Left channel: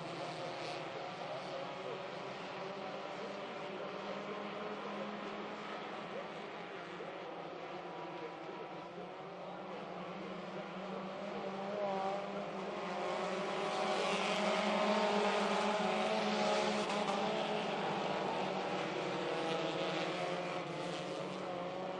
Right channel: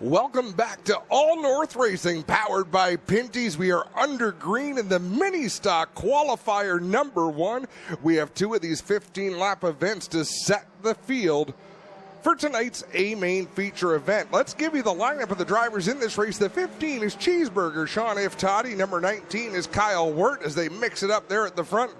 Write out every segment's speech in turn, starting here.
Welcome back to All North Racing, powered by Pinty's. We are under green in the Ministock qualifier number 1. We have 2 of these 15-lap events to set the field for tonight's A main feature event. Let's give you the lineup of the drivers in this race. The 15 is Cheeseburger, Sean Iftati. Number 19 is Kyle Wirt as they mix it up there at the front.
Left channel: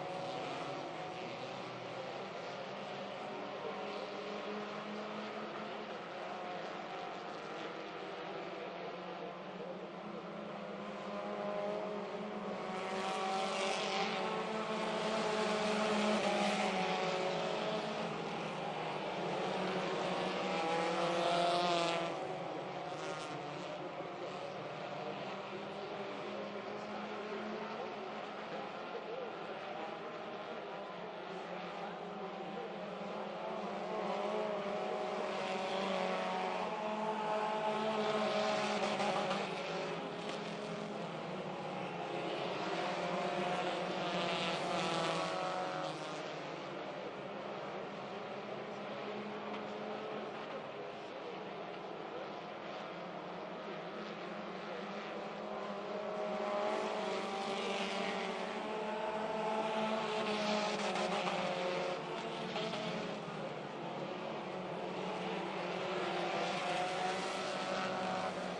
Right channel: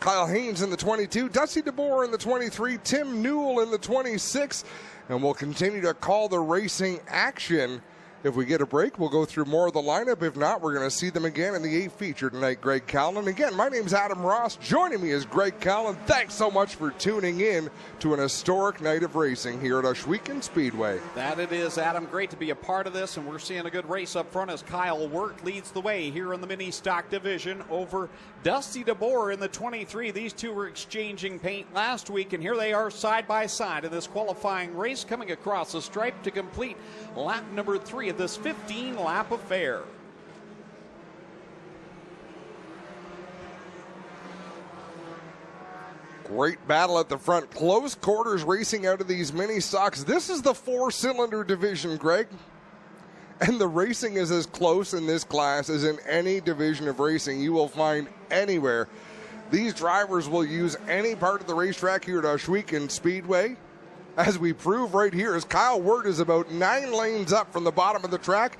Kyle Haynes in the 22, Dusty DeBoer in the 23, Tim Newell in the 26. And we'll continue to call the racing action. If we get a break, we'll go through more of the lineup. If not, we're going to see them again in the A feature tonight. Greg Callan. Again, my name's Adam Ross. Joining me is Greg Callan. Thanks so much for tuning in to an historic night of racing here at Ohsweken Speedway. That it is, Adam. Great to be a part of this, and we're seeing a good race up front as Kyle Wirt leads the way here in the Ministock division over Dusty DeBoer in the 23. These two were exchanging paint last week, and here they are side by side in this qualifying race, coming across the stripe to complete lap number 3 of this 15-lap affair. Great battle at the front. Close quarters racing out of these Ministocks. This is the 4-cylinder division, Greg. And the racing is as close in this class as in any division of racing you will find anywhere. These drivers will use any part of the racetrack here at Ohsweken Speedway. As we prove right here, as Kyle Wirt is about 9 lanes up from the bottom of the track.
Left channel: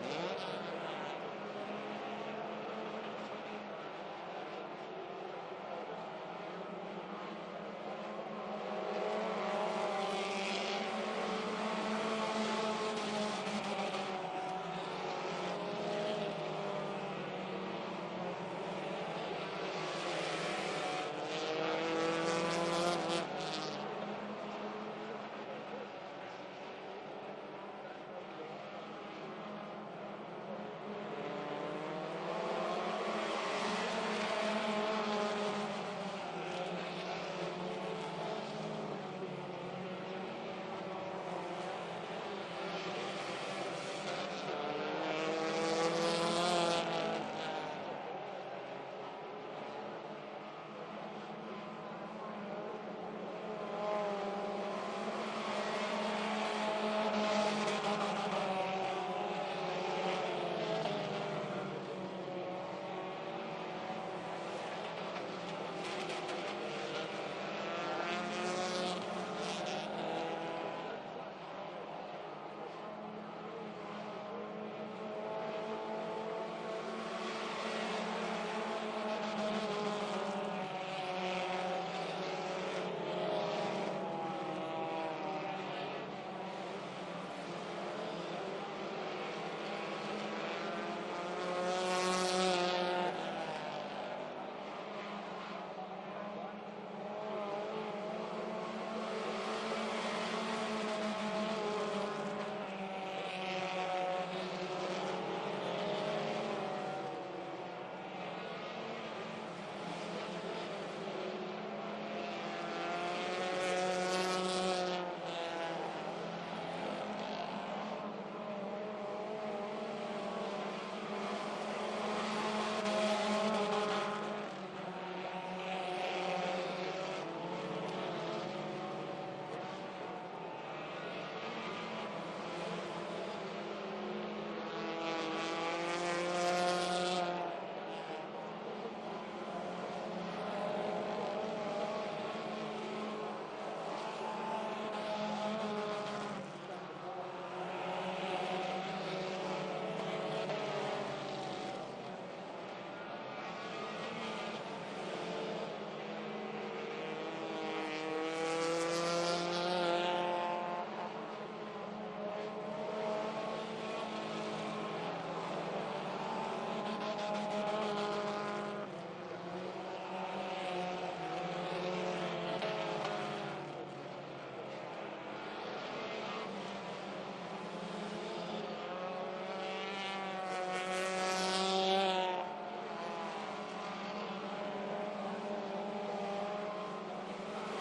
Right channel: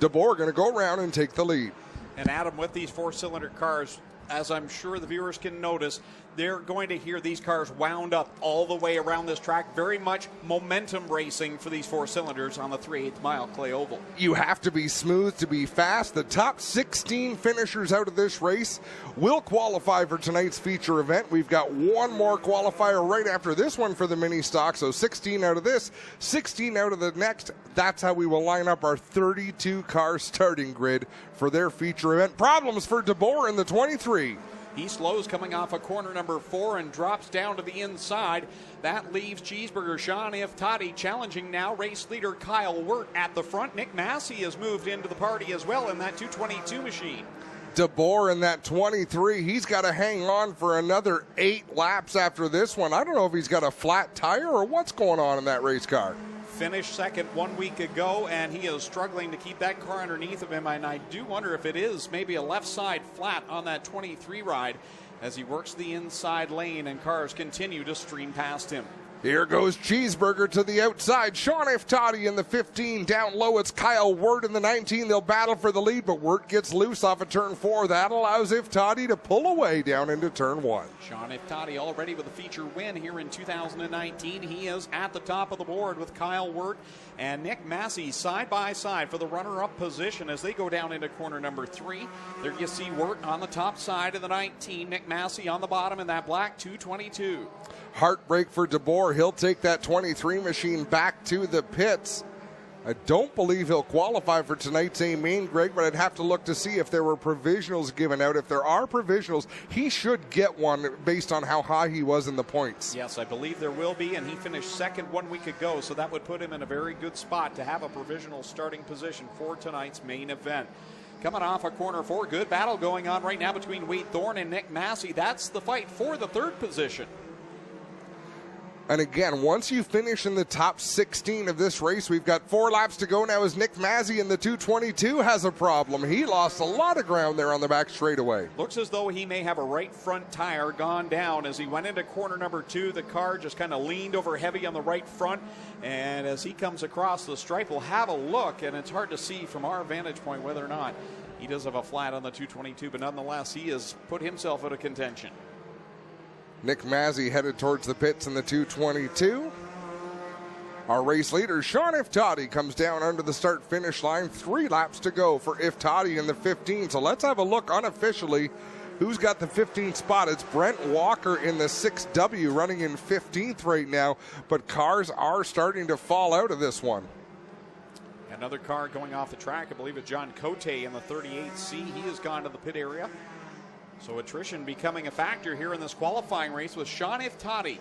DeBoer going to go around and take the lead. And Adam, with these 4-cylinder cars, as I'm sure the viewers can notice, they're going to hear these cars wound up all the way around this track. Very much momentum racing for these 4 cylinders on the 3/8 mile clay oval. You have to be smooth to be fast. The top 16 finishers out of this race will qualify for tonight's feature event. We've got one more qualifier right after this one for the Ministock. So 16 out of this, 16 out of the next. That's how we will line up our 32-car starting grid for their feature event. Problems for DeBoer in the 23. He slows coming off of corner number 4 and drops down to the inside. That leaves Cheeseburger Sean Iftati challenging now race leader Kyle Wirt at the front. Nick Massey has moved into the party as well in that 222 machine. DeBoer in that 23, he's got to hang on for another 8 laps after this one. I don't know if he's got a flat tire or what's going on in that race car. Finished second 1 week ago, and he is struggling to keep that car underneath of him, and I do wonder if it is maybe a left side flat on that 23 ride as he works the inside lane and cars continue to stream past him. Here goes Cheeseburger to the outside. Sean Iftati in the 15. Down low, it's Kyle Wirt in the 19. They'll battle for the lead, but Wirt gets loose off of turn 4. That allows Iftati to pull away down into turn 1. Sean Iftati already with a feature win here in 2019. He is at the top of the board with Kyle Wirt and Nick Massey side by side for the runner-up position as they go down into corner number 3. There you see Wirt on the top side of the 19. Nick Massey on the bottom in that black 222. Heartbreak for DeBoer. He'll take that 23 machine back to the pits. I don't believe he'll qualify for tonight's A main, Greg, but I'd have to look to see if there were provisionals given out. If there are provisionals, he should get one based on how high he was in the points. Yes, I believe there will be, and he finished second 1 week ago, so that would put him in a very good spot to have a provisional starting position for tonight's main event. Coming off of corner 4, good battle going on right now between Wade Thorne and Nick Massey. That's the fight for the 3rd position. And again, once you finish in the top 16 of this race, we've got 4 laps to go now as Nick Massey in the 222 has a problem. He lost a lot of ground there on the back straightaway. Looks as though he may have a right front tire gone down as he went into corner number 2. The car just kind of leaned over heavy on the right front. And as he comes across the stripe, we'll have a look, and it's hard to see from our vantage point whether or not he does have a flat on the 222, but nonetheless, he has put himself out of contention. Nick Massey headed towards the pits in the 222. Our race leader, Sean Iftati, comes down under the start-finish line. 3 laps to go for Iftati in the 15. So let's have a look unofficially who's got the 15th spot. It's Brent Walker in the 6W running in 15th right now, but cars are starting to fall out of this one. Another car going off the track, I believe it's John Cote in the 38C. He has gone to the pit area. So attrition becoming a factor here in this qualifying race with Sean Iftati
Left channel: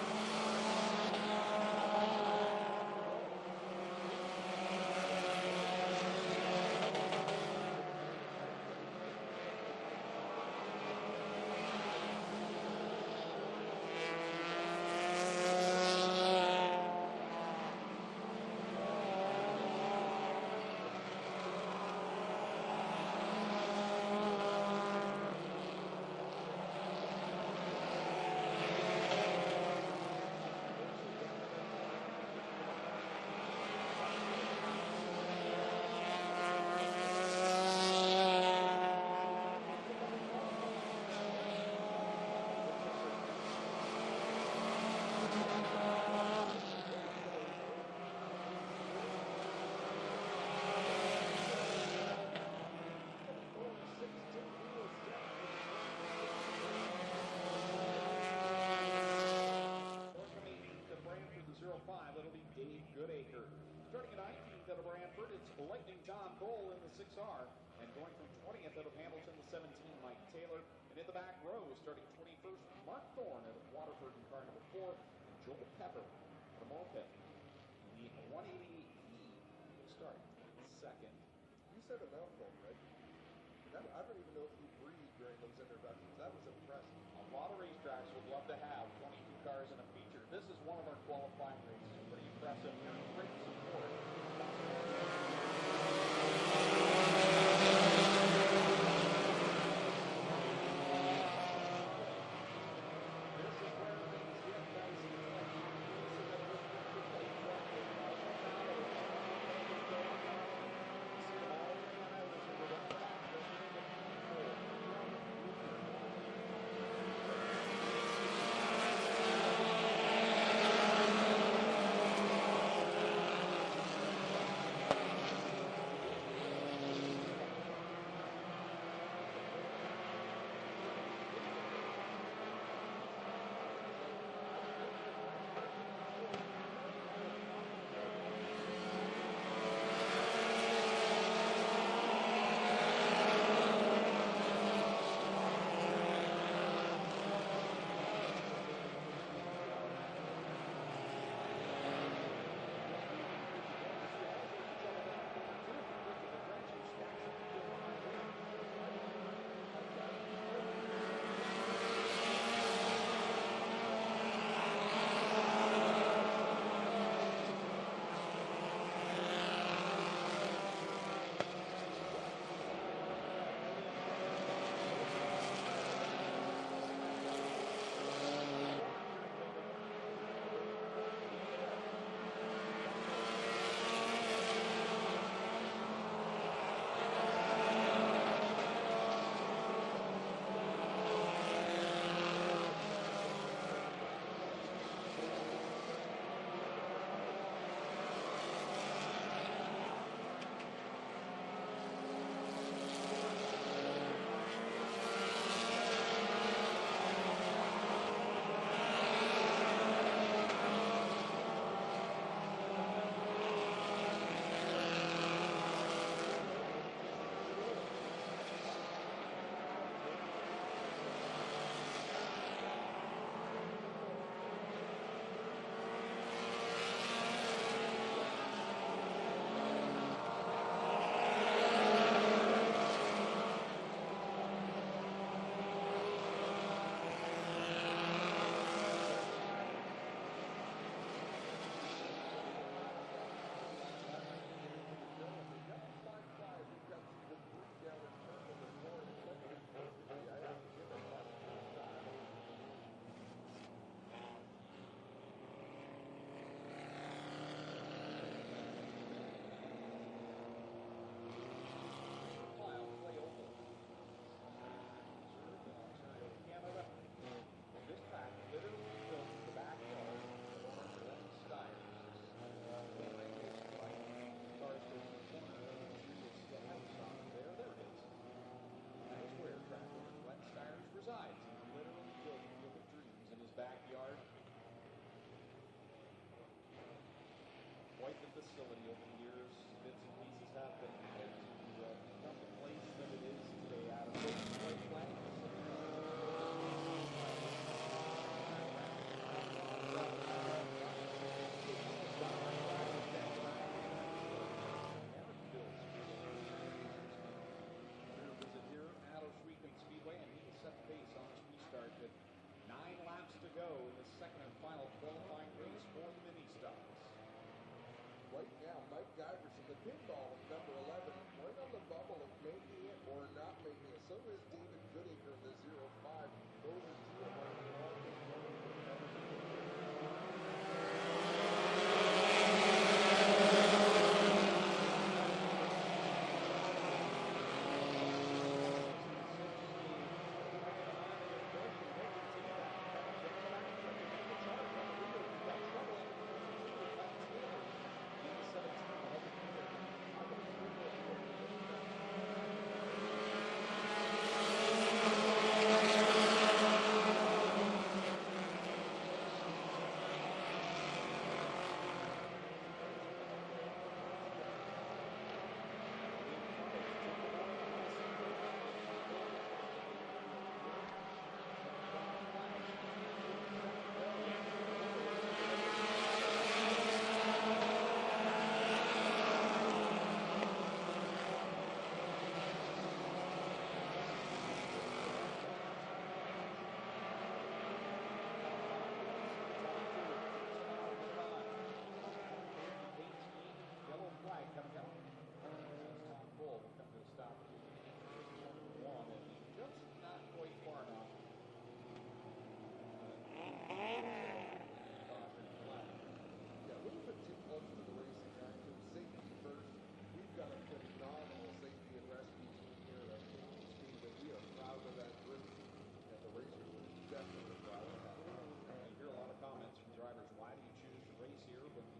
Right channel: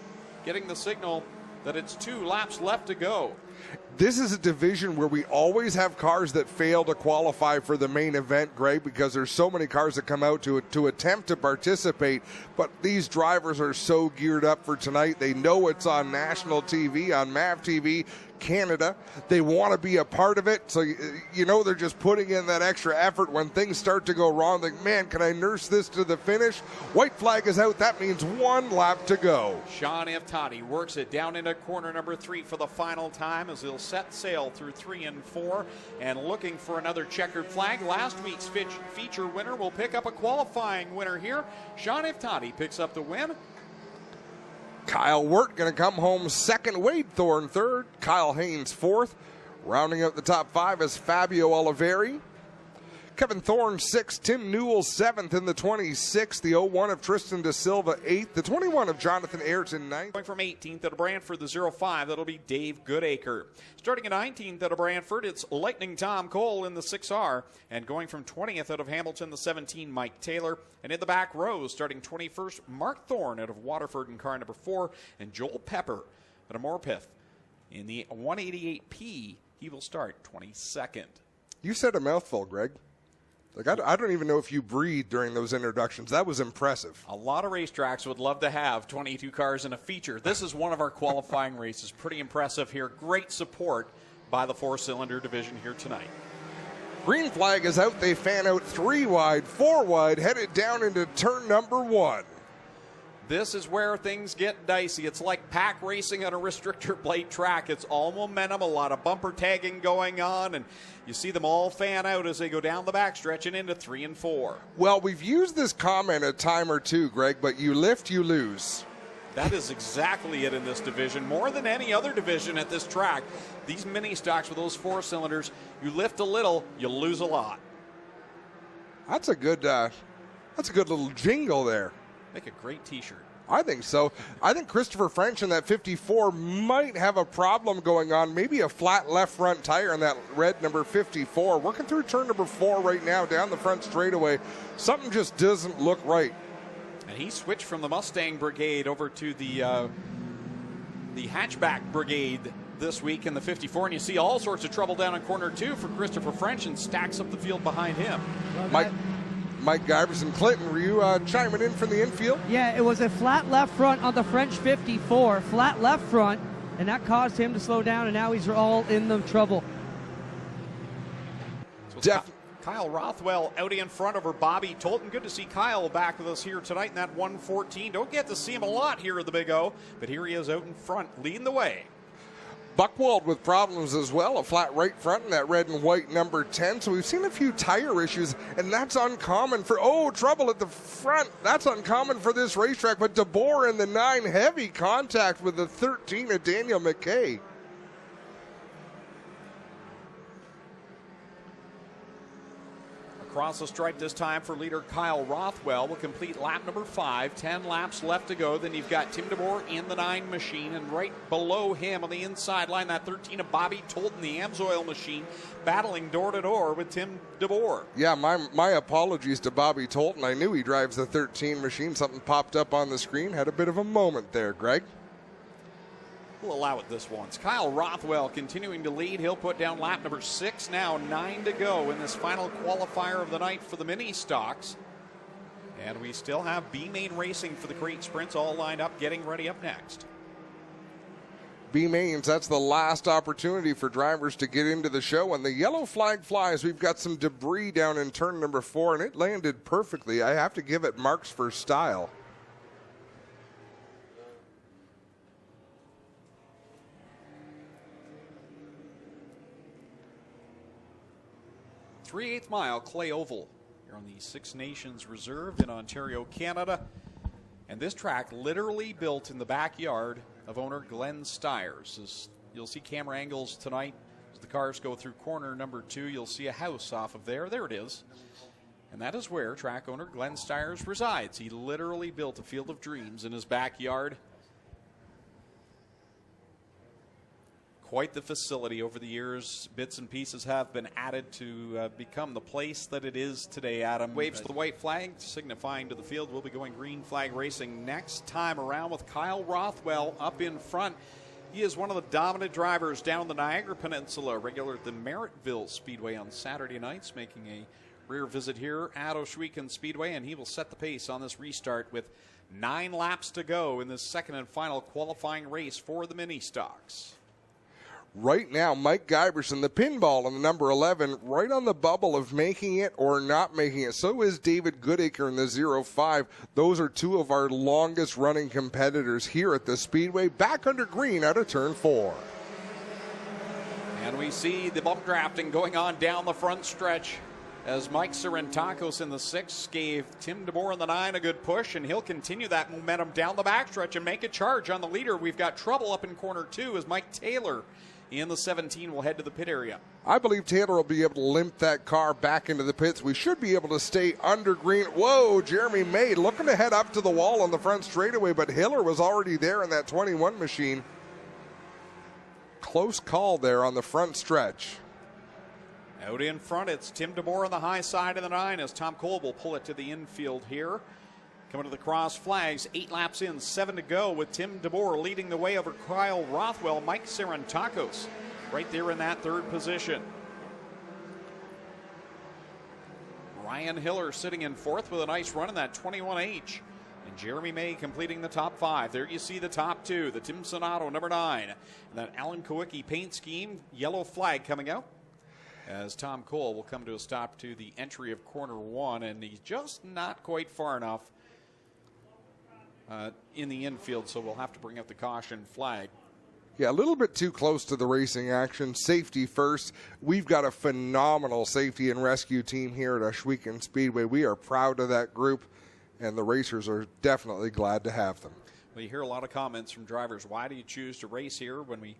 getting the signal that it's 2 laps left to go. This is a division where we always have cars that fail to qualify for the main event, Greg, because there's so many cars that come out to attempt to participate. But these drivers are so geared up for tonight. They know it's on national TV, on MAV TV. Canada. They want to be a part of it, so you know they're just putting in that extra effort when things start to go wrong. Like, man, can I nurse this to the finish? White flag is out. That means 1 lap to go. Sean Iftani works it down into corner number 3 for the final time as he'll set sail through 3 and 4. And looking for another checkered flag. Last week's feature winner will pick up a qualifying winner here. Sean Iftani picks up the win. Kyle Wirt going to come home second. Wade Thorne third. Kyle Haynes fourth. Rounding out the top 5 is Fabio Oliveri. Kevin Thorne 6th. Tim Newell 7th in the 26. The 01 of Tristan De Silva 8th. The 21 of Jonathan Ayrton 9th. Going from 18th out of Brantford, the 05, that'll be Dave Goodacre. Starting at 19th out of Brantford, it's Lightning Tom Cole in the 6R. And going from 20th out of Hamilton, the 17, Mike Taylor. And in the back rows, starting 21st, Mark Thorne out of Waterford in car number 4. And Joel Pepper out of Morpeth. In the 188P, he will start 22nd. You said a mouthful, Greg. Like, I don't even know if you breathed during those introductions. That was impressive. A lot of racetracks would love to have 22 cars in a feature. This is one of our qualifying races. Pretty impressive here. Great support by the 4-cylinder division here tonight. Green flag is out. They fan out 3 wide, 4 wide, headed down into turn number 1. This is where things get dicey. It's like pack racing on a restrictor plate track. It's all momentum, a lot of bumper tagging going on, and you see them all fan out as they go down the backstretch and into 3 and 4. Well, we've used this comment a time or two, Greg, but you lift, you lose. That is exactly it in this division. More than any other division at this track, these mini stocks with those 4 cylinders, you lift a little, you lose a lot. That's a good little jingle there. Make a great t-shirt. I think so. I think Christopher French in that 54 might have a problem going on. Maybe a flat left front tire in that red number 54. Working through turn number 4 right now, down the front straightaway. Something just doesn't look right. And he switched from the Mustang Brigade over to the hatchback brigade this week in the 54. And you see all sorts of trouble down in corner 2 for Christopher French and stacks up the field behind him. Mike Giverson Clinton, were you chiming in from the infield? Yeah, it was a flat left front on the French 54, flat left front, and that caused him to slow down, and now he's all in the trouble. Kyle Rothwell out in front over Bobby Tolton. Good to see Kyle back with us here tonight in that 114. Don't get to see him a lot here at the Big O, but here he is out in front, leading the way. Buchwald with problems as well, a flat right front in that red and white number 10. So we've seen a few tire issues, and that's uncommon for, trouble at the front. That's uncommon for this racetrack, but DeBoer in the 9, heavy contact with the 13 of Daniel McKay. Across the stripe this time for leader Kyle Rothwell will complete lap number 5. 10 laps left to go. Then you've got Tim DeBoer in the 9 machine, and right below him on the inside line, that 13 of Bobby Tolton, the Amsoil machine, battling door to door with Tim DeBoer. Yeah, my apologies to Bobby Tolton. I knew he drives the 13 machine. Something popped up on the screen. Had a bit of a moment there, Greg. We'll allow it this once. Kyle Rothwell continuing to lead. He'll put down lap number 6 now. 9 to go in this final qualifier of the night for the mini stocks. And we still have B-Main Racing for the Great Sprints all lined up, getting ready up next. B-Mains, that's the last opportunity for drivers to get into the show. When the yellow flag flies, we've got some debris down in turn number 4, and it landed perfectly. I have to give it marks for style. 3/8 mile Clay Oval here on the Six Nations Reserve in Ontario, Canada. And this track literally built in the backyard of owner Glenn Styres. As you'll see camera angles tonight as the cars go through corner number 2. You'll see a house off of there. There it is. And that is where track owner Glenn Styres resides. He literally built a field of dreams in his backyard. Quite the facility over the years. Bits and pieces have been added to become the place that it is today, Adam. Waves to the white flag, signifying to the field we'll be going green flag racing next time around with Kyle Rothwell up in front. He is one of the dominant drivers down the Niagara Peninsula, regular at the Merrittville Speedway on Saturday nights, making a rear visit here at Ohsweken Speedway, and he will set the pace on this restart with 9 laps to go in this second and final qualifying race for the mini stocks. Right now, Mike Giberson, the pinball on the number 11, right on the bubble of making it or not making it. So is David Goodacre in the 0-5. Those are two of our longest running competitors here at the Speedway. Back under green out of turn 4. And we see the bump drafting going on down the front stretch as Mike Serentakos in the 6 gave Tim DeBoer in the 9 a good push, and he'll continue that momentum down the backstretch and make a charge on the leader. We've got trouble up in corner 2 as Mike Taylor in the 17 will head to the pit area. I believe Taylor will be able to limp that car back into the pits. We should be able to stay under green. Whoa, Jeremy May looking to head up to the wall on the front straightaway, but Hiller was already there in that 21 machine. Close call there on the front stretch. Out in front, it's Tim DeBoer on the high side of the 9 as Tom Cole will pull it to the infield here. Coming to the cross flags, 8 laps in, 7 to go with Tim DeBoer leading the way over Kyle Rothwell, Mike Serentakos right there in that 3rd position. Ryan Hiller sitting in 4th with a nice run in that 21H. And Jeremy May completing the top 5. There you see the top 2, the Tim Sonato number 9. And that Alan Kowicki paint scheme, yellow flag coming out, as Tom Cole will come to a stop to the entry of corner 1, and he's just not quite far enough in the infield, so we'll have to bring up the caution flag. Yeah, a little bit too close to the racing action. Safety first. We've got a phenomenal safety and rescue team here at Ohsweken Speedway. We are proud of that group, and the racers are definitely glad to have them. We hear a lot of comments from drivers. Why do you choose to race here? When we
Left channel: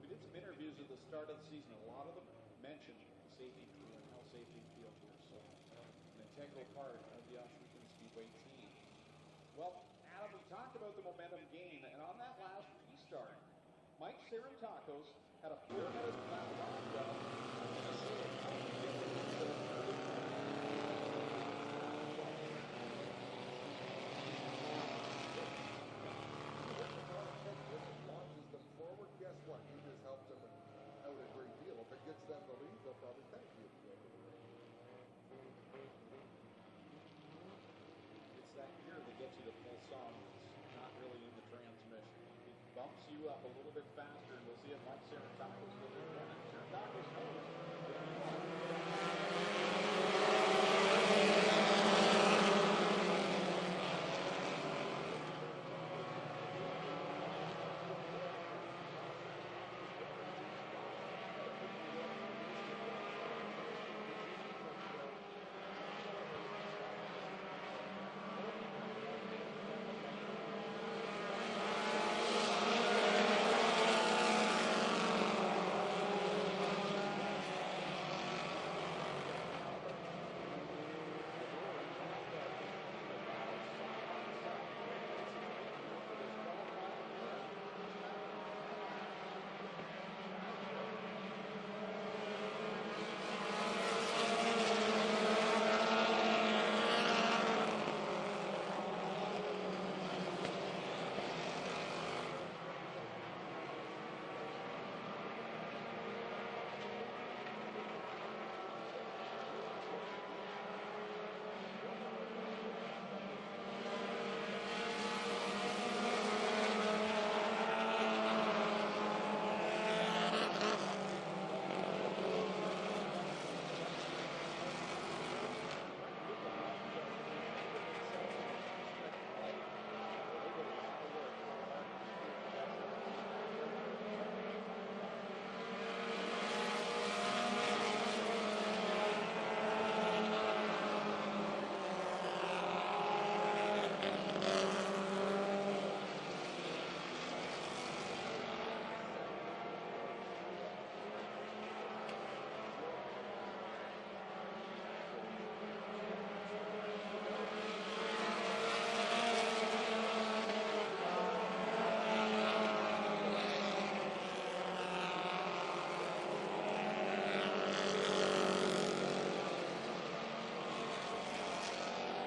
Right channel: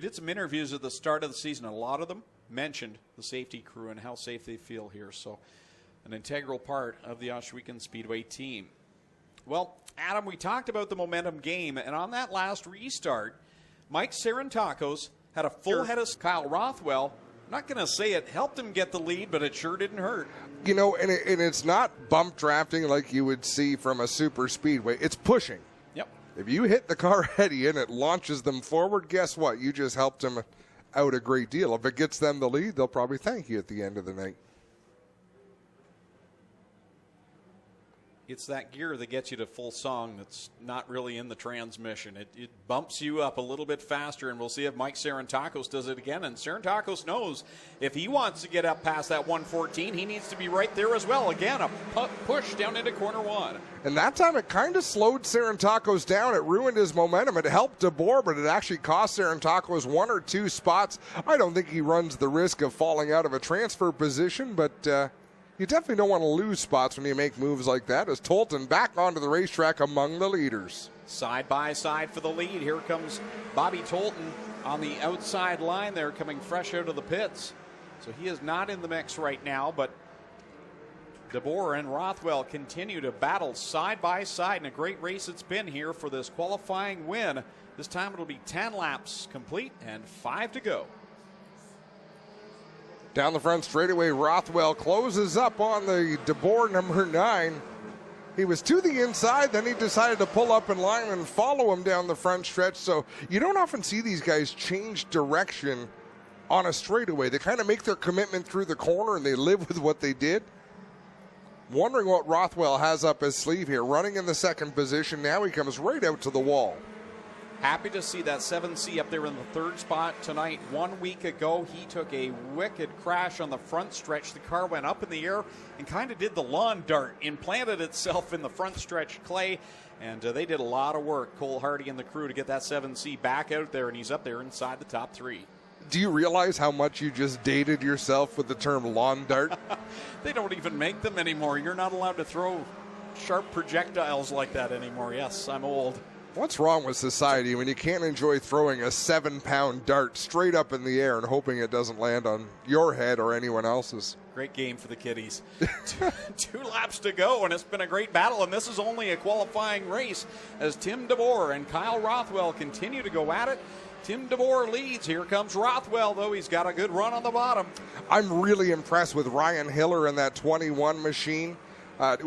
did some interviews at the start of the season, a lot of them mentioned the safety crew and how safe they feel here. So an integral part of the Ohsweken Speedway team. Well, Adam, we talked about the momentum game, and on that last restart, Mike Serentakos had a full head of Kyle Rothwell. Not going to say it helped him get the lead, but it sure didn't hurt. You know, and it's not bump drafting like you would see from a super speedway. It's pushing. Yep. If you hit the car ahead of you and it launches them forward, guess what? You just helped them out a great deal. If it gets them the lead, they'll probably thank you at the end of the night. It's that gear that gets you to full song that's not really in the transmission. It bumps you up a little bit faster, and we'll see if Mike Serentakos does it again. And Serentakos knows if he wants to get up past that 114, he needs to be right there as well. Again, a push down into corner 1. And that time it kind of slowed Serentakos down. It ruined his momentum. It helped DeBoer, but it actually cost Serentakos 1 or 2 spots. I don't think he runs the risk of falling out of a transfer position, but you definitely don't want to lose spots when you make moves like that. As Tolton back onto the racetrack among the leaders. Side by side for the lead. Here comes Bobby Tolton on the outside line there, coming fresh out of the pits. So he is not in the mix right now, but DeBoer and Rothwell continue to battle side by side, and a great race it's been here for this qualifying win. This time it'll be 10 laps complete and 5 to go. Down the front straightaway, Rothwell closes up on the DeBoer number 9. He was to the inside, then he decided to pull up in line and follow him down the front stretch. So you don't often see these guys change direction on a straightaway. They kind of make their commitment through the corner and they live with what they did. Wondering what Rothwell has up his sleeve here. Running in the 2nd position, now he comes right out to the wall. Happy to see that 7C up there in the 3rd spot tonight. 1 week ago, he took a wicked crash on the front stretch. The car went up in the air and kind of did the lawn dart, implanted itself in the front stretch clay, and they did a lot of work, Cole Hardy and the crew, to get that 7C back out there, and he's up there inside the top 3. Do you realize how much you just dated yourself with the term lawn dart? They don't even make them anymore. You're not allowed to throw sharp projectiles like that anymore. Yes, I'm old. What's wrong with society when you can't enjoy throwing a 7-pound dart straight up in the air and hoping it doesn't land on your head or anyone else's? Great game for the kiddies. Two laps to go, and it's been a great battle, and this is only a qualifying race as Tim DeBoer and Kyle Rothwell continue to go at it. Tim DeBoer leads. Here comes Rothwell, though. He's got a good run on the bottom. I'm really impressed with Ryan Hiller in that 21 machine.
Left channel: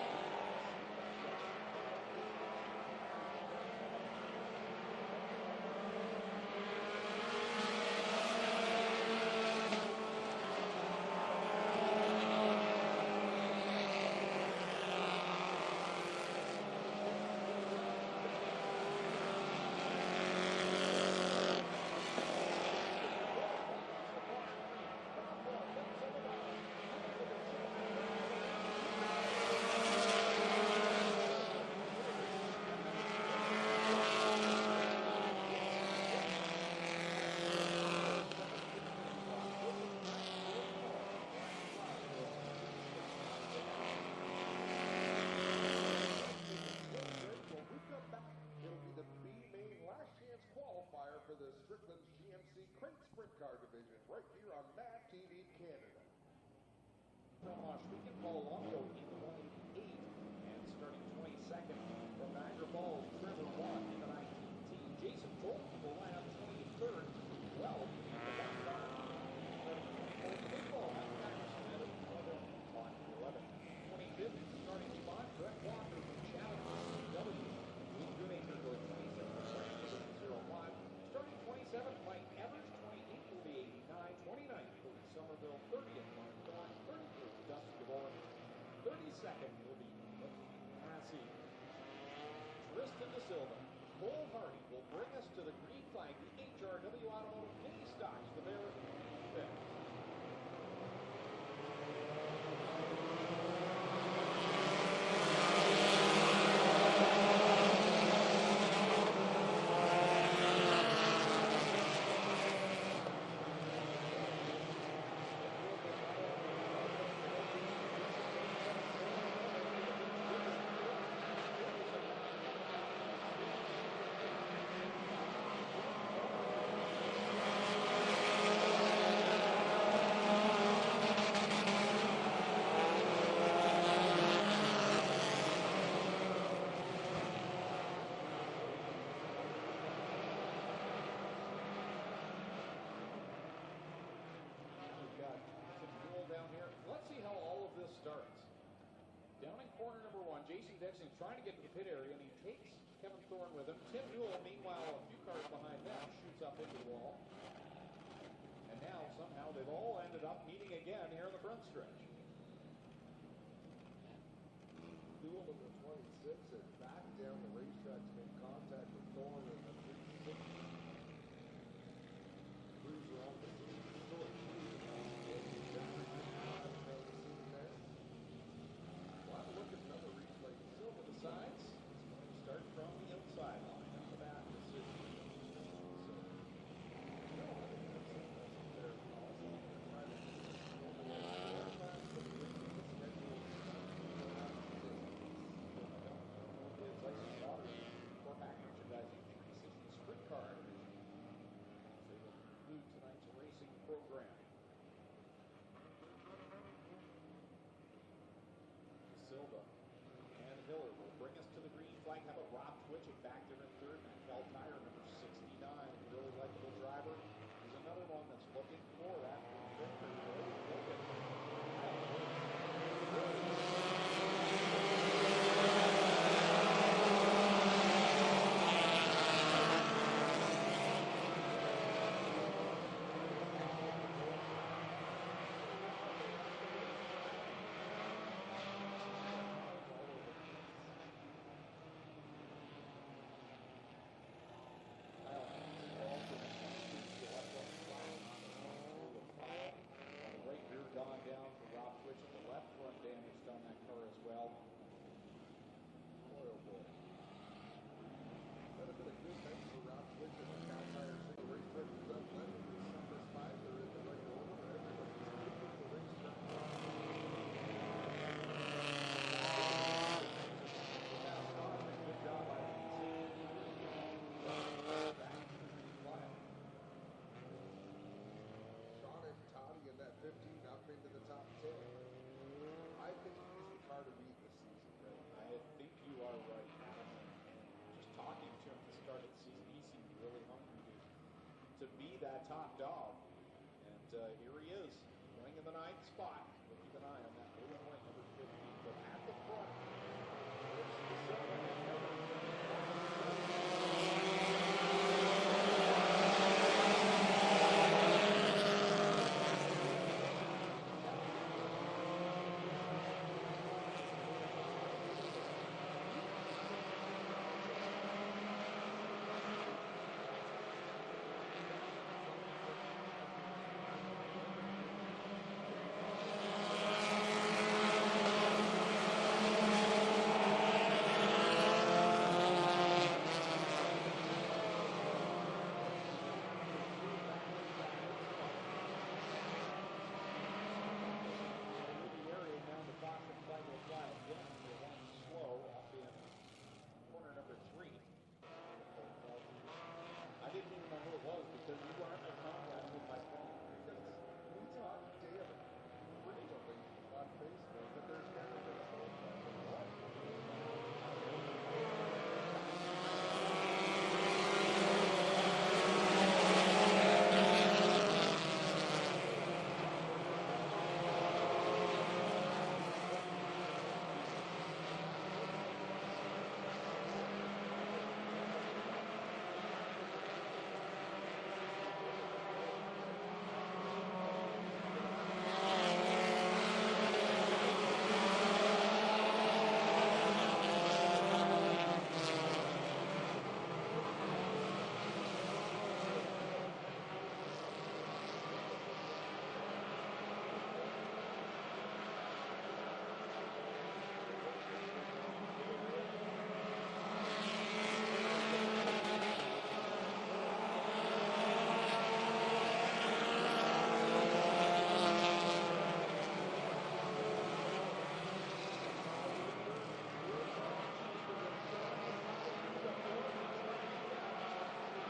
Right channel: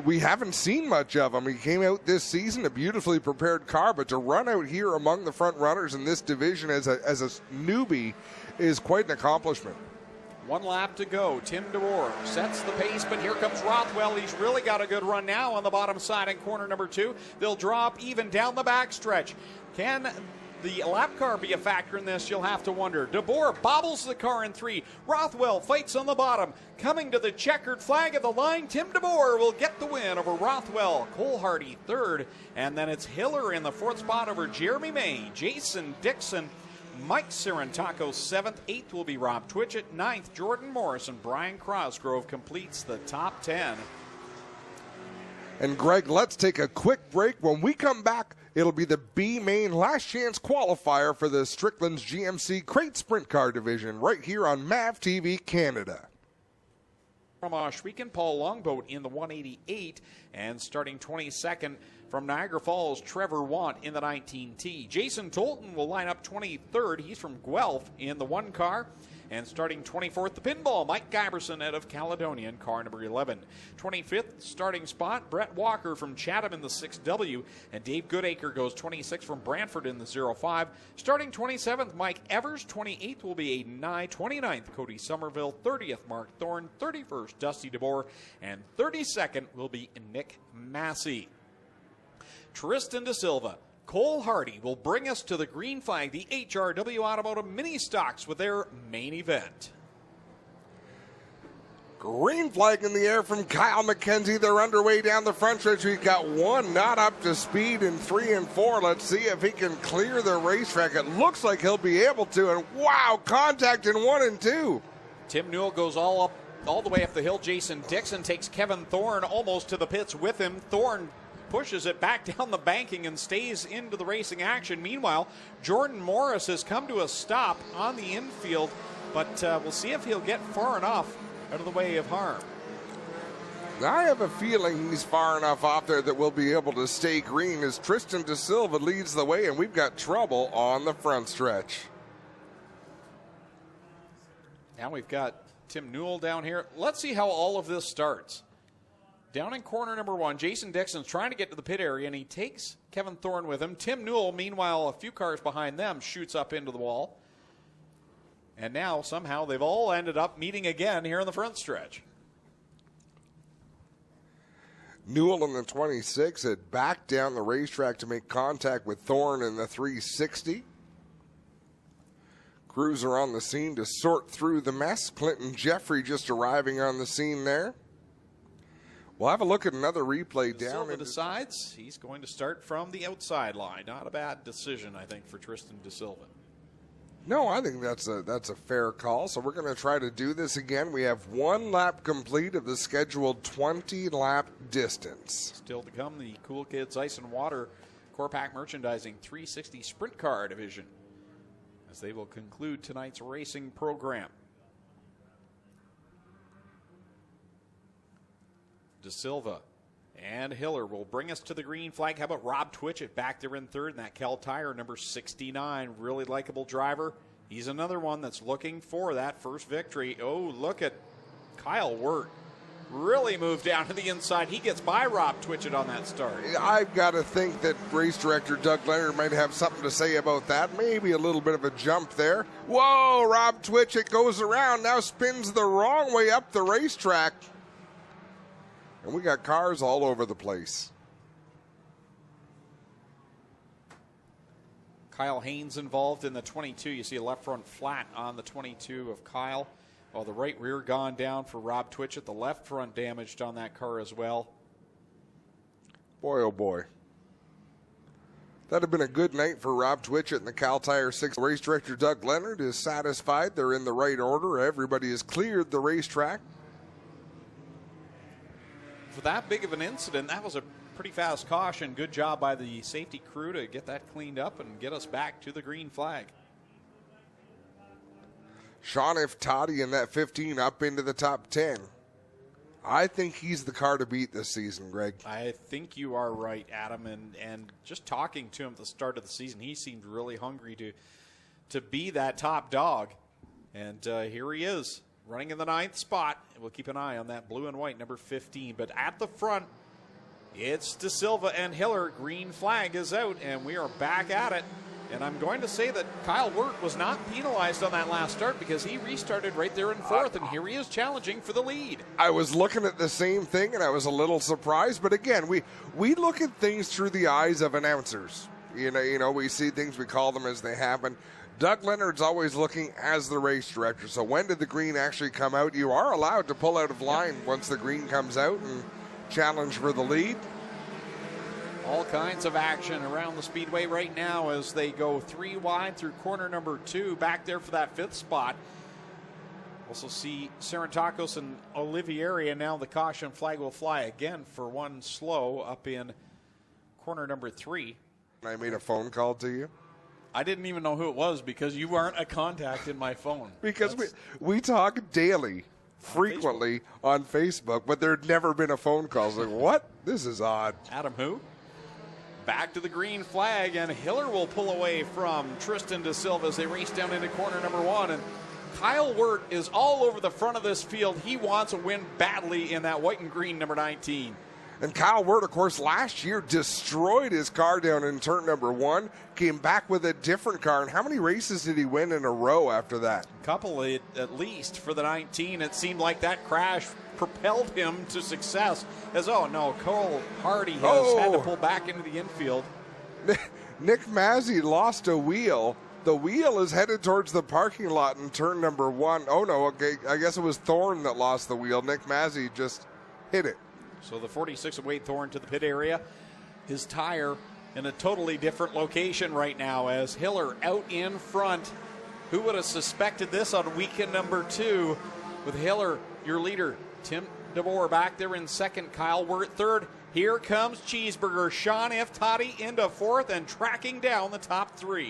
We haven't seen much of him. He came out this season, a beautifully prepared car, but to run out here among the front runners in this division as a newbie is quite an accomplishment. 1 lap to go. Tim DeBoer sets the pace, but here comes Rothwell. He's really got a good run now on the bottom side in corner number 2. They'll drop even down the backstretch. Can the lap car be a factor in this, you'll have to wonder. DeBoer bobbles the car in 3. Rothwell fights on the bottom. Coming to the checkered flag of the line, Tim DeBoer will get the win over Rothwell. Cole Hardy 3rd, and then it's Hiller in the 4th spot over Jeremy May. Jason Dixon, Mike Cirantaco 7th. 8th will be Rob Twitchett. 9th, Jordan Morris, and Brian Crosgrove completes the top 10. And Greg, let's take a quick break. When we come back, it'll be the B Main Last Chance qualifier for the Strickland's GMC Crate Sprint Car Division right here on MAV TV Canada. From Oshweekend, Paul Longboat in the 188, and starting 22nd from Niagara Falls, Trevor Want in the 19T. Jason Tolton will line up 23rd. He's from Guelph in the 1 car. And starting 24th, the pinball, Mike Giberson out of Caledonia in car number 11. 25th starting spot, Brett Walker from Chatham in the 6W. And Dave Goodacre goes 26th from Brantford in the 05. Starting 27th, Mike Evers. 28th will be Aiden Nye. 29th, Cody Somerville. 30th, Mark Thorne. 31st, Dusty DeBoer. And 32nd will be Nick Massey. Tristan De Silva, Cole Hardy will bring us to the green flag, the HRW Automotive Ministocks with their main event. Green flag in the air from Kyle McKenzie. They're underway down the front stretch. We've got 1 not up to speed in 3 and 4. Let's see if he can clear the racetrack. It looks like he'll be able to. And wow, contact in 1 and 2. Tim Newell goes all the way up the hill. Jason Dixon takes Kevin Thorne almost to the pits with him. Thorne pushes it back down the banking and stays into the racing action. Meanwhile, Jordan Morris has come to a stop on the infield, but we'll see if he'll get far enough out of the way of harm. I have a feeling he's far enough off there that we'll be able to stay green as Tristan De Silva leads the way, and we've got trouble on the front stretch. Now we've got Tim Newell down here. Let's see how all of this starts. Down in corner number 1, Jason Dixon's trying to get to the pit area, and he takes Kevin Thorne with him. Tim Newell, meanwhile, a few cars behind them, shoots up into the wall. And now, somehow, they've all ended up meeting again here in the front stretch. Newell in the 26 had backed down the racetrack to make contact with Thorne in the 360. Crews are on the scene to sort through the mess. Clinton Jeffrey just arriving on the scene there. We'll have a look at another replay down. Silva decides he's going to start from the outside line. Not a bad decision, I think, for Tristan De Silva. No, I think that's a fair call. So we're going to try to do this again. We have 1 lap complete of the scheduled 20-lap distance. Still to come, the Cool Kids Ice and Water Core Pack Merchandising 360 Sprint Car Division, as they will conclude tonight's racing program. De Silva and Hiller will bring us to the green flag. How about Rob Twitchett back there in 3rd, and that Cal Tire number 69, really likable driver. He's another one that's looking for that first victory. Oh, look at Kyle Wirt. Really moved down to the inside. He gets by Rob Twitchett on that start. I got to think that race director Doug Leonard might have something to say about that. Maybe a little bit of a jump there. Whoa, Rob Twitchett goes around, now spins the wrong way up the racetrack. And we got cars all over the place. Kyle Haynes involved in the 22. You see a left front flat on the 22 of Kyle. Oh, the right rear gone down for Rob Twitchett. The left front damaged on that car as well. Boy, oh boy. That'd have been a good night for Rob Twitchett and the Cal Tire 6. Race director Doug Leonard is satisfied. They're in the right order. Everybody has cleared the racetrack. For that big of an incident, that was a pretty fast caution. Good job by the safety crew to get that cleaned up and get us back to the green flag. Sean Iftati in that 15 up into the top 10. I think he's the car to beat this season, Greg. I think you are right, Adam. And just talking to him at the start of the season, he seemed really hungry to be that top dog. And here he is, running in the 9th spot. We'll keep an eye on that blue and white number 15. But at the front, it's De Silva and Hiller. Green flag is out, and we are back at it. And I'm going to say that Kyle Wirt was not penalized on that last start because he restarted right there in 4th, and here he is challenging for the lead. I was looking at the same thing, and I was a little surprised. But again, we look at things through the eyes of announcers. You know, we see things, we call them as they happen. Doug Leonard's always looking as the race director. So when did the green actually come out? You are allowed to pull out of line once the green comes out and challenge for the lead. All kinds of action around the speedway right now as they go 3 wide through corner number 2, back there for that 5th spot. Also see Sarantakos and Olivieri, and now the caution flag will fly again for one slow up in corner number 3. I made a phone call to you. I didn't even know who it was because you aren't a contact in my phone. Because we talk daily, frequently on Facebook, but there had never been a phone call. It's like, what? This is odd. Adam who? Back to the green flag, and Hiller will pull away from Tristan De Silva as they race down into corner number 1. And Kyle Wirt is all over the front of this field. He wants a win badly in that white and green number 19. And Kyle Wirt, of course, last year destroyed his car down in turn number 1, came back with a different car. And how many races did he win in a row after that? Couple at least for the 19. It seemed like that crash propelled him to success. As, oh no, Cole Hardy has had to pull back into the infield. Nick Mazzy lost a wheel. The wheel is headed towards the parking lot in turn number 1. Oh no, okay, I guess it was Thorne that lost the wheel. Nick Mazzy just hit it. So the 46 of Wade Thorne to the pit area. His tire in a totally different location right now as Hiller out in front. Who would have suspected this on weekend number 2 with Hiller, your leader, Tim DeBoer back there in second, Kyle Wirt third. Here comes Cheeseburger, Sean F. Toddy into 4th and tracking down the top 3.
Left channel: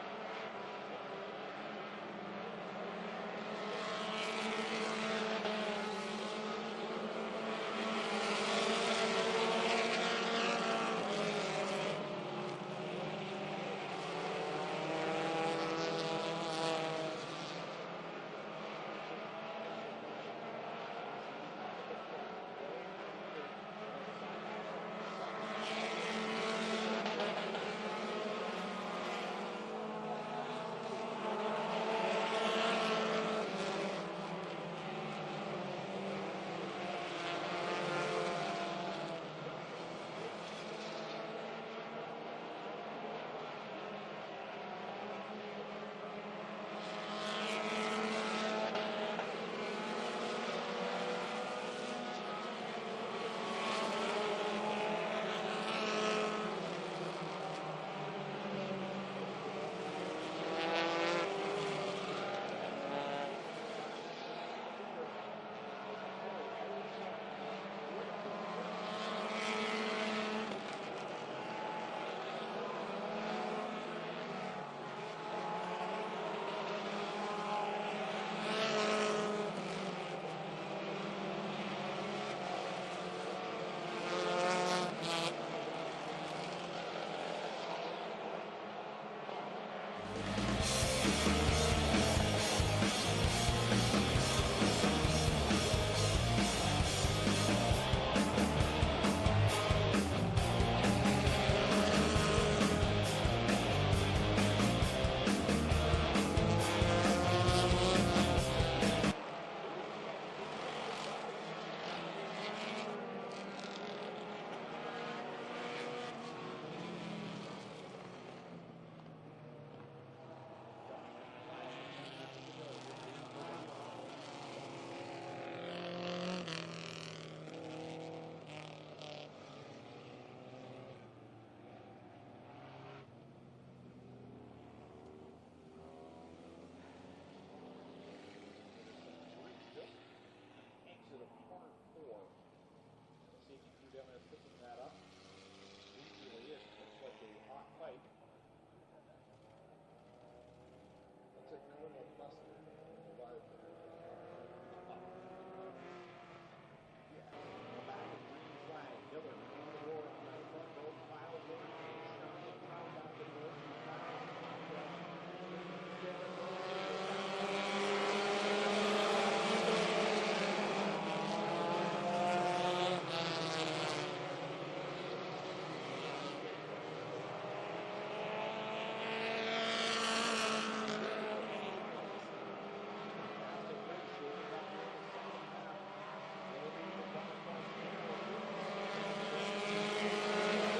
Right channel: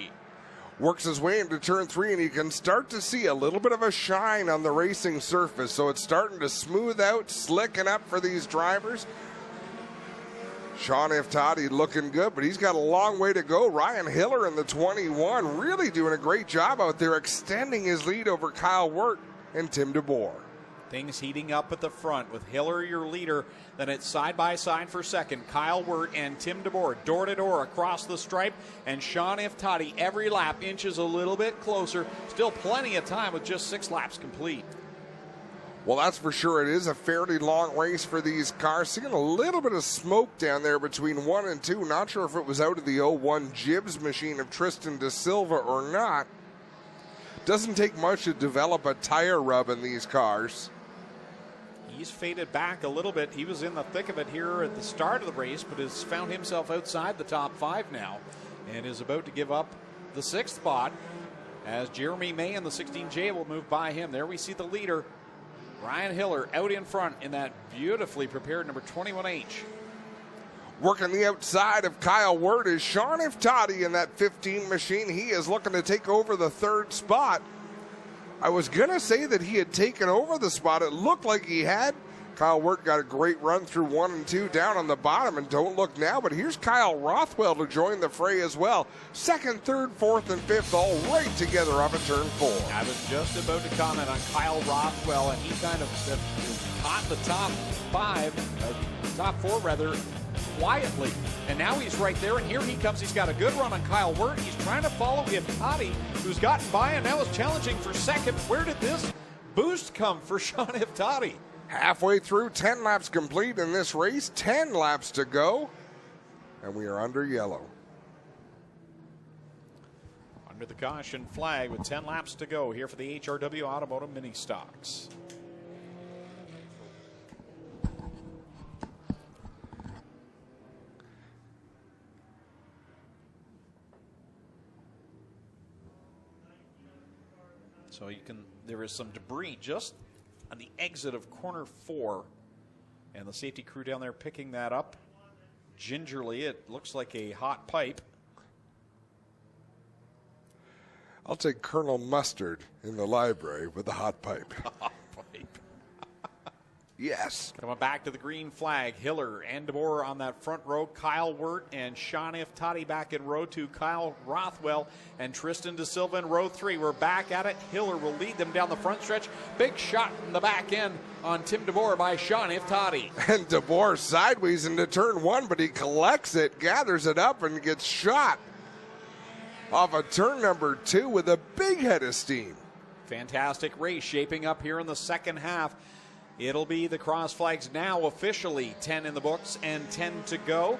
Works his way into turn 3, and you can start to see a little bit of a shine on the racing surface. So it's starting to smooth out, slicken up for these drivers. Sean F. Toddy looking good, but he's got a long way to go. Ryan Hiller in the 21 really doing a great job out there, extending his lead over Kyle Wirt and Tim DeBoer. Things heating up at the front with Hiller, your leader. Then it's side by side for second. Kyle Wirt and Tim DeBoer door to door across the stripe. And Sean F. Toddy every lap inches a little bit closer. Still plenty of time with just 6 laps complete. Well, that's for sure. It is a fairly long race for these cars. Seeing a little bit of smoke down there between 1 and 2. Not sure if it was out of the 01 Gibbs machine of Tristan De Silva or not. Doesn't take much to develop a tire rub in these cars. He's faded back a little bit. He was in the thick of it here at the start of the race, but has found himself outside the top 5 now and is about to give up the 6th spot as Jeremy May in the 16J will move by him. There we see the leader, Ryan Hiller, out in front in that beautifully prepared number 21H. Working the outside of Kyle Wirt is Sean F. Toddy in that 15 machine. He is looking to take over the 3rd spot. I was going to say that he had taken over the spot. It looked like he had. Kyle Wirt got a great run through 1 and 2 down on the bottom, and don't look now, but here's Kyle Rothwell to join the fray as well. 2nd, 3rd, 4th, and 5th all right together up in turn 4. I was just about to comment on Kyle Rothwell, and he kind of caught the top 5, top 4 rather, quietly. And now he's right there, and here he comes. He's got a good run on Kyle Wirt. He's trying to follow him, Toddy, who's gotten by and now is challenging for 2nd. Where did this boost come for Sean F. Toddy? Halfway through, 10 laps complete in this race, 10 laps to go, and we are under yellow. Under the caution flag with 10 laps to go here for the HRW Automotive Ministocks. So there is some debris just on the exit of corner 4, and the safety crew down there picking that up gingerly. It looks like a hot pipe. I'll take Colonel Mustard in the library with the hot pipe. Hot pipe. Yes. Coming back to the green flag, Hiller and DeBoer on that front row, Kyle Wirt and Sean F. Toddy back in row 2, Kyle Rothwell and Tristan De Silva in row 3. We're back at it. Hiller will lead them down the front stretch. Big shot in the back end on Tim DeBoer by Sean F. Toddy. And DeBoer sideways into turn 1, but he collects it, gathers it up, and gets shot off of turn number 2 with a big head of steam. Fantastic race shaping up here in the second half. It'll be the cross flags now officially 10 in the books and 10 to go.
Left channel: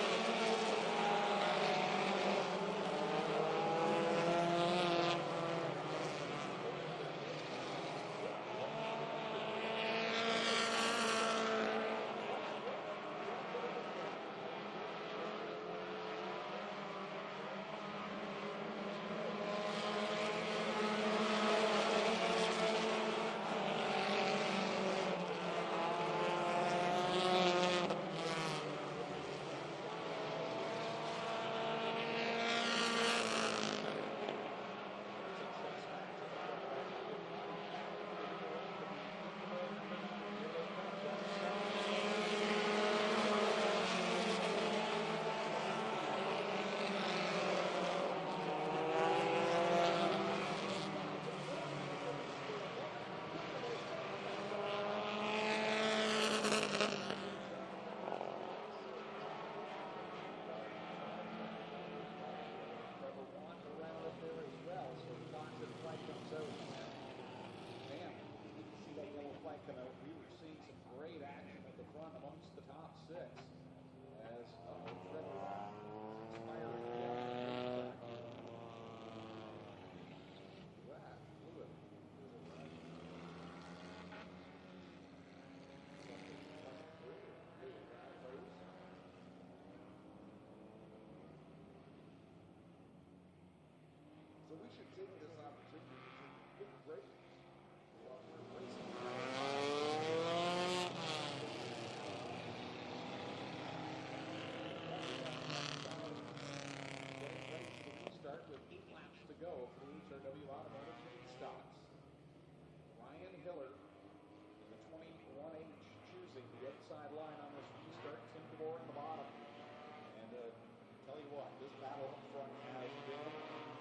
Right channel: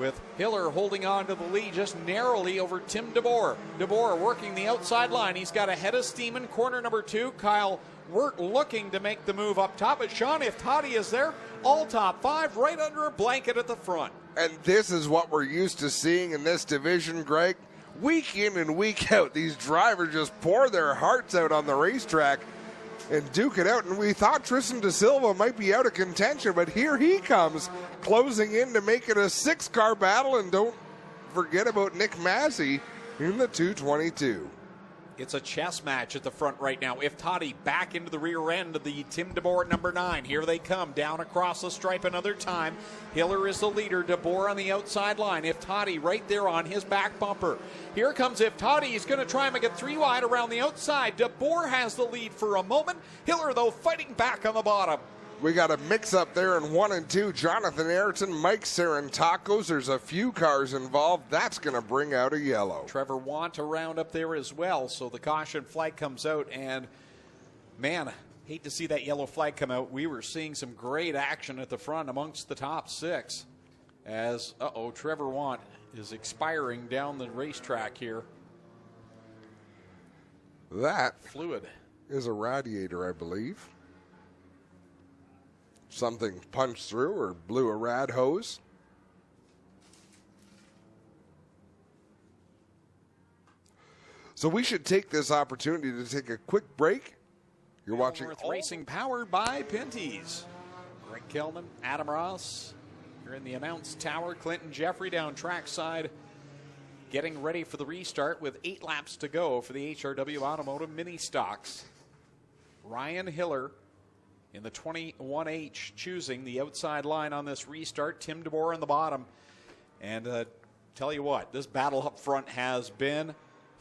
with Hiller holding on to the lead just narrowly over Tim DeBoer. DeBoer working the outside line. He's got a head of steam in corner number 2. Kyle Wirt looking to make the move up top, but Sean Iftati is there, all top 5, right under a blanket at the front. And this is what we're used to seeing in this division, Greg. Week in and week out, these drivers just pour their hearts out on the racetrack and duke it out. And we thought Tristan De Silva might be out of contention, but here he comes, closing in to make it a 6-car battle. And don't forget about Nick Massey in the 222. It's a chess match at the front right now. Iftati back into the rear end of the Tim DeBoer number 9. Here they come down across the stripe another time. Hiller is the leader. DeBoer on the outside line. Iftati right there on his back bumper. Here comes Iftati. He's going to try and make it 3 wide around the outside. DeBoer has the lead for a moment. Hiller, though, fighting back on the bottom. We got a mix-up there in 1 and 2. Jonathan Ayrton, Mike Sarantakos. There's a few cars involved. That's going to bring out a yellow. Trevor Want around up there as well. So the caution flag comes out. And, man, hate to see that yellow flag come out. We were seeing some great action at the front amongst the top 6. As, Trevor Want is expiring down the racetrack here. That fluid is a radiator, I believe. Something punched through or blew a rad hose. So we should take this opportunity to take a quick break. You're watching North Racing, powered by Pinty's. Rick Tillman, Adam Ross. Here in the announce tower. Clinton Jeffrey down trackside, getting ready for the restart with 8 laps to go for the HRW Automotive Ministocks. Ryan Hiller in the 21H choosing the outside line on this restart. Tim DeBoer on the bottom. And tell you what, this battle up front has been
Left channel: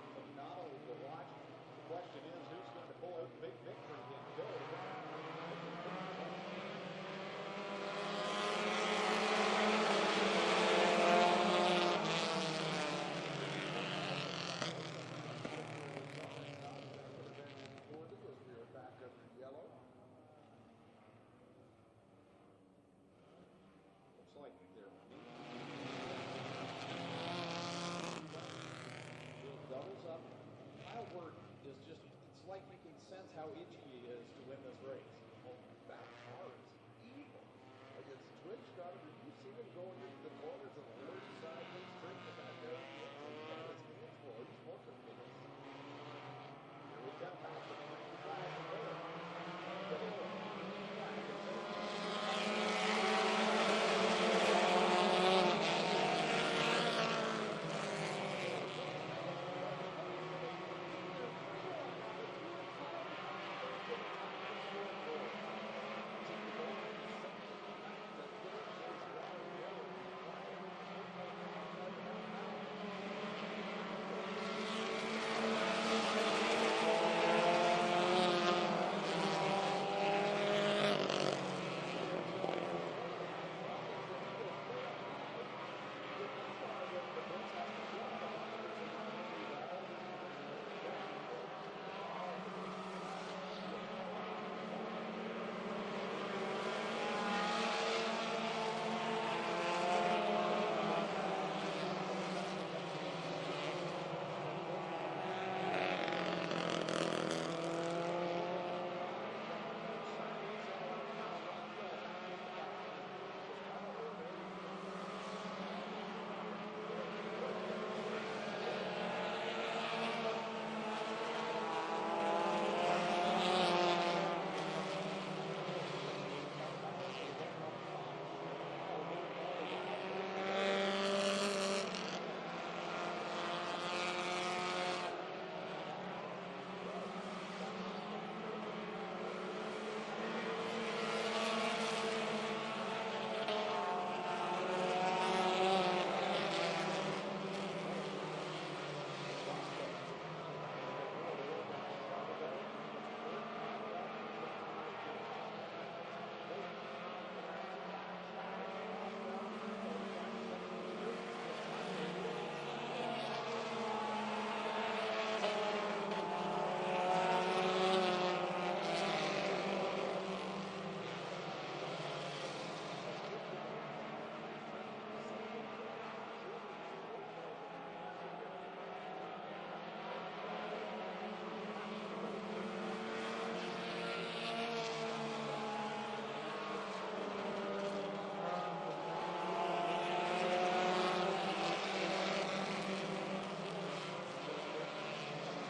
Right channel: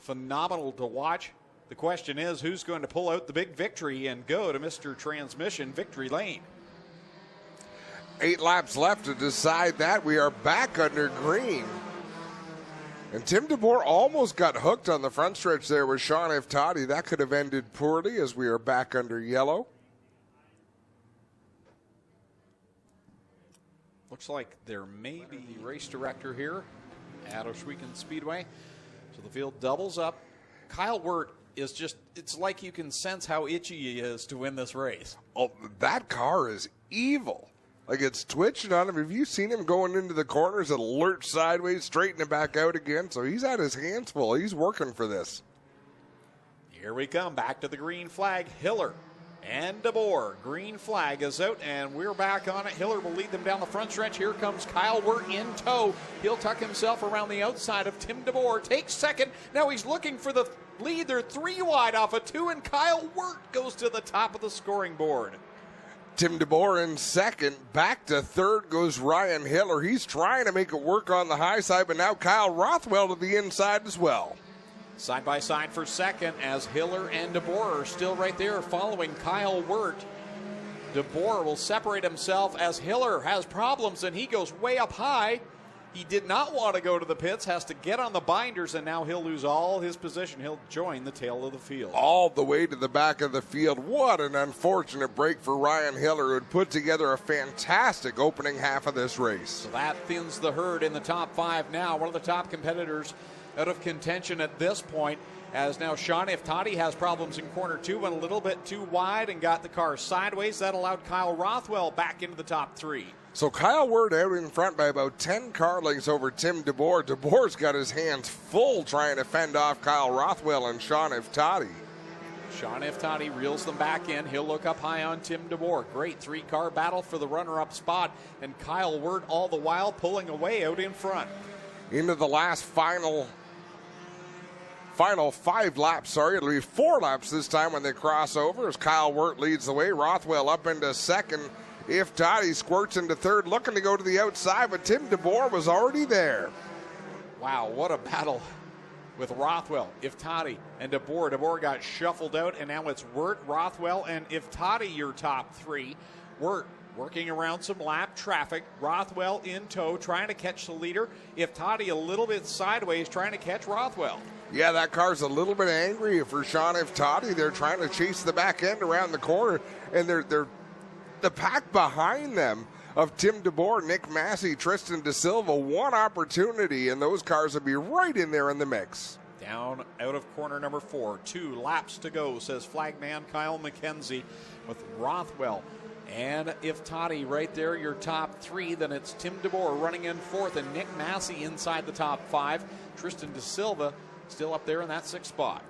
phenomenal to watch. The question is, who's going to pull out the big victory and go to Mr. Transmission victory lane? 8 laps left to decide that. We are back under green. And Tim DeBoer almost got hooked on the front stretch there with Sean Iftati. That could have ended poorly as we are back under yellow. Looks like there may be race director here at Oswego Speedway. So the field doubles up. Kyle Wirt is just, it's like you can sense how itchy he is to win this race. Oh, that car is evil. Like, it's twitching on him. Have you seen him going into the corners? It'll lurch sideways, straighten it back out again. So he's had his hands full. He's working for this. Here we come, back to the green flag. Hiller and DeBoer. Green flag is out, and we're back on it. Hiller will lead them down the front stretch. Here comes Kyle Wirt in tow. He'll tuck himself around the outside of Tim DeBoer. Takes second. Now he's looking for the lead. They're 3 wide off of 2, and Kyle Wirt goes to the top of the scoring board. Tim DeBoer in second. Back to third goes Ryan Hiller. He's trying to make it work on the high side, but now Kyle Rothwell to the inside as well. Side by side for second as Hiller and DeBoer are still right there following Kyle Wirt. DeBoer will separate himself as Hiller has problems and he goes way up high. He did not want to go to the pits, has to get on the binders, and now he'll lose all his position. He'll join the tail of the field. All the way to the back of the field. What an unfortunate break for Ryan Hiller, who had put together a fantastic opening half of this race. That thins the herd in the top 5 now. One of the top competitors out of contention at this point, as now Sean Iftati has problems in corner 2, went a little bit too wide and got the car sideways. That allowed Kyle Rothwell back into the top 3. So Kyle Wirt out in front by about 10 car lengths over Tim DeBoer. DeBoer's got his hands full trying to fend off Kyle Rothwell and Sean Iftati. Sean Iftati reels them back in. He'll look up high on Tim DeBoer. Great 3-car battle for the runner-up spot. And Kyle Wirt all the while pulling away out in front. Into the last final 5 laps, sorry. It'll be 4 laps this time when they cross over as Kyle Wirt leads the way. Rothwell up into second. Iftati squirts into third, looking to go to the outside, but Tim DeBoer was already there. Wow, what a battle with Rothwell, Iftati, and DeBoer. DeBoer got shuffled out, and now it's Wirt, Rothwell, and Iftati, your top 3. Wirt working around some lap traffic. Rothwell in tow, trying to catch the leader. Iftati a little bit sideways, trying to catch Rothwell. Yeah, that car's a little bit angry for Sean Iftati. They're trying to chase the back end around the corner, and they're the pack behind them of Tim DeBoer, Nick Massey, Tristan DeSilva. One opportunity, and those cars will be right in there in the mix. Down out of corner number 4. 2 laps to go, says flagman Kyle McKenzie with Rothwell and if Toddy right there, your top 3. Then it's Tim DeBoer running in 4th and Nick Massey inside the top 5. Tristan DeSilva still up there in that 6th spot.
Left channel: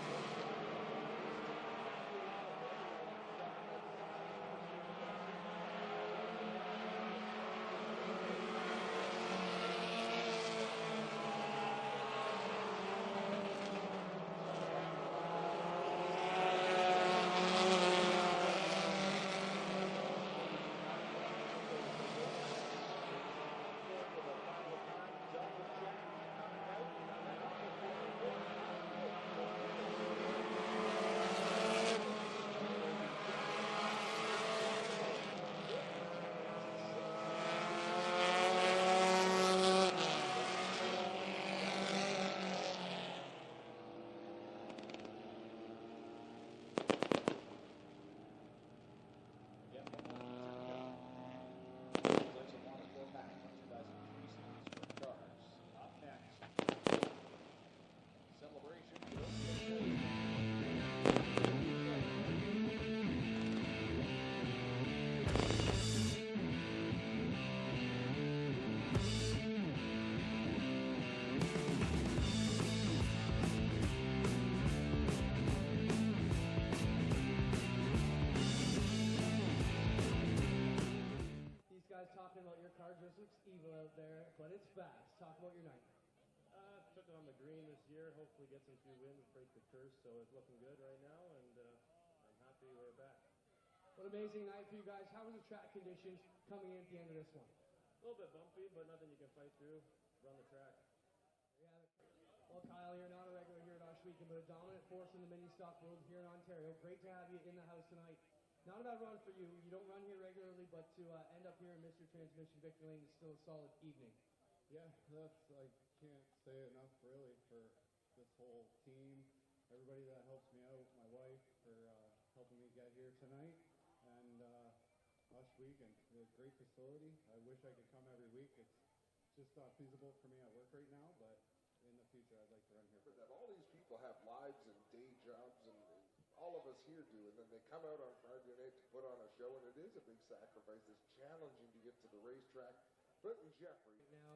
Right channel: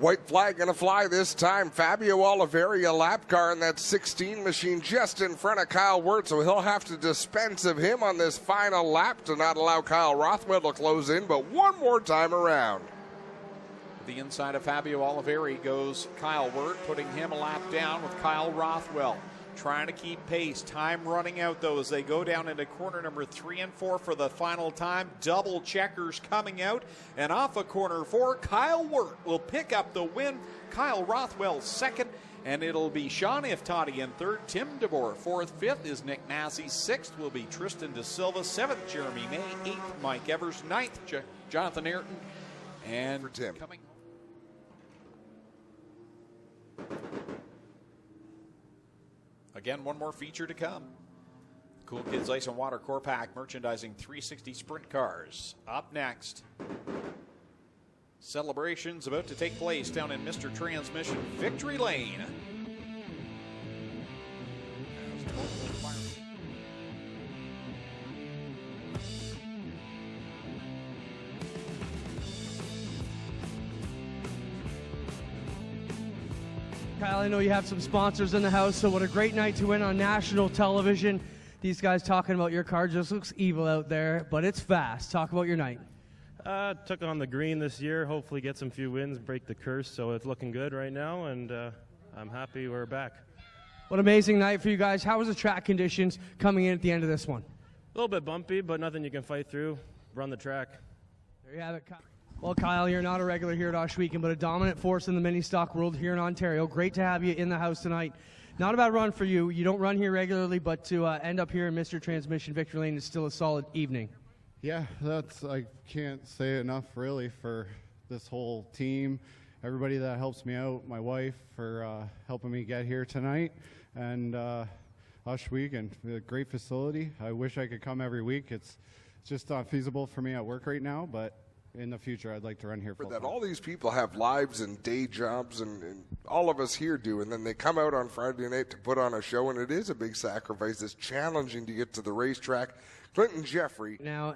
White flag going to fly this time. Fabio Oliveira, lap car in that 16 machine just in front of Kyle Wirtz, so he'll have to dispense of him on this final lap to not allow Kyle Rothwell to close in, but one more time around. The inside of Fabio Oliveira goes Kyle Wirtz, putting him a lap down with Kyle Rothwell. Trying to keep pace. Time running out, though, as they go down into corner number 3 and 4 for the final time. Double checkers coming out. And off of corner 4, Kyle Wirtz will pick up the win. Kyle Rothwell 2nd. And it'll be Sean Iftati in 3rd. Tim DeBoer 4th. 5th is Nick Massey. 6th will be Tristan DeSilva. 7th, Jeremy Nate. 8th, Mike Evers. 9th, Jonathan Ayrton. And for Tim. Coming. Again, one more feature to come. Cool Kids Ice and Water Core Pack merchandising 360 sprint cars. Up next. Celebrations about to take place down in Mr. Transmission Victory Lane. I know you have some sponsors in the house, so what a great night to win on national television. These guys talking about your car just looks evil out there, but it's fast. Talk about your night. Took on the green this year, hopefully get some few wins, break the curse, so it's looking good right now, and I'm happy we're back. What an amazing night for you guys. How was the track conditions coming in at the end of this one? A little bit bumpy, but nothing you can fight through. Run the track. There you have it, Kyle. Well, Kyle, you're not a regular here at Oshweekend, but a dominant force in the mini-stock world here in Ontario. Great to have you in the house tonight. Not a bad run for you. You don't run here regularly, but to end up here in Mr. Transmission Victory Lane is still a solid evening. Yeah, I can't say enough really for this whole team, everybody that helps me out, my wife for helping me get here tonight, and Oshweekend, a great facility. I wish I could come every week. It's just not feasible for me at work right now, but in the future, I'd like to run here For full that, time. all these people have lives and day jobs, and all of us here do, and then they come out on Friday night to put on a show, and it is a big sacrifice. It's challenging to get to the racetrack. Clinton Jeffrey. Now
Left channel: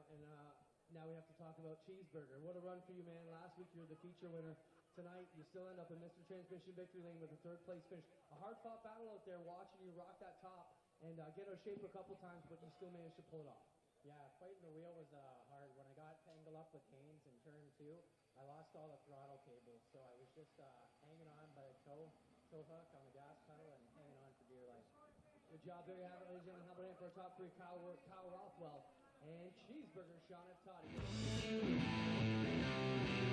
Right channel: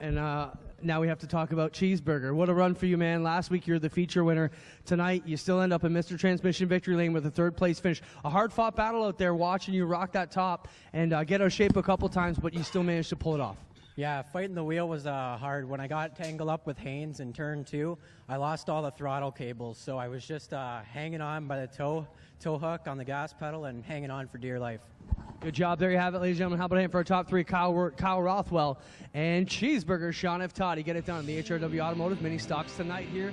we have to talk about Cheeseburger. What a run for you, man. Last week you were the feature winner. Tonight you still end up in Mr. Transmission Victory Lane with a 3rd place finish. A hard-fought battle out there watching you rock that top and get out of shape a couple times, but you still managed to pull it off. Yeah, fighting the wheel was hard. When I got tangled up with Haynes in turn 2, I lost all the throttle cables, so I was just hanging on by the tow hook on the gas pedal and hanging on for dear life. Good job. There you have it, ladies and gentlemen. How about him for our top 3, Kyle Rothwell and Cheeseburger, Sean F. Toddy. Get it done. The HRW Automotive Mini Stocks tonight here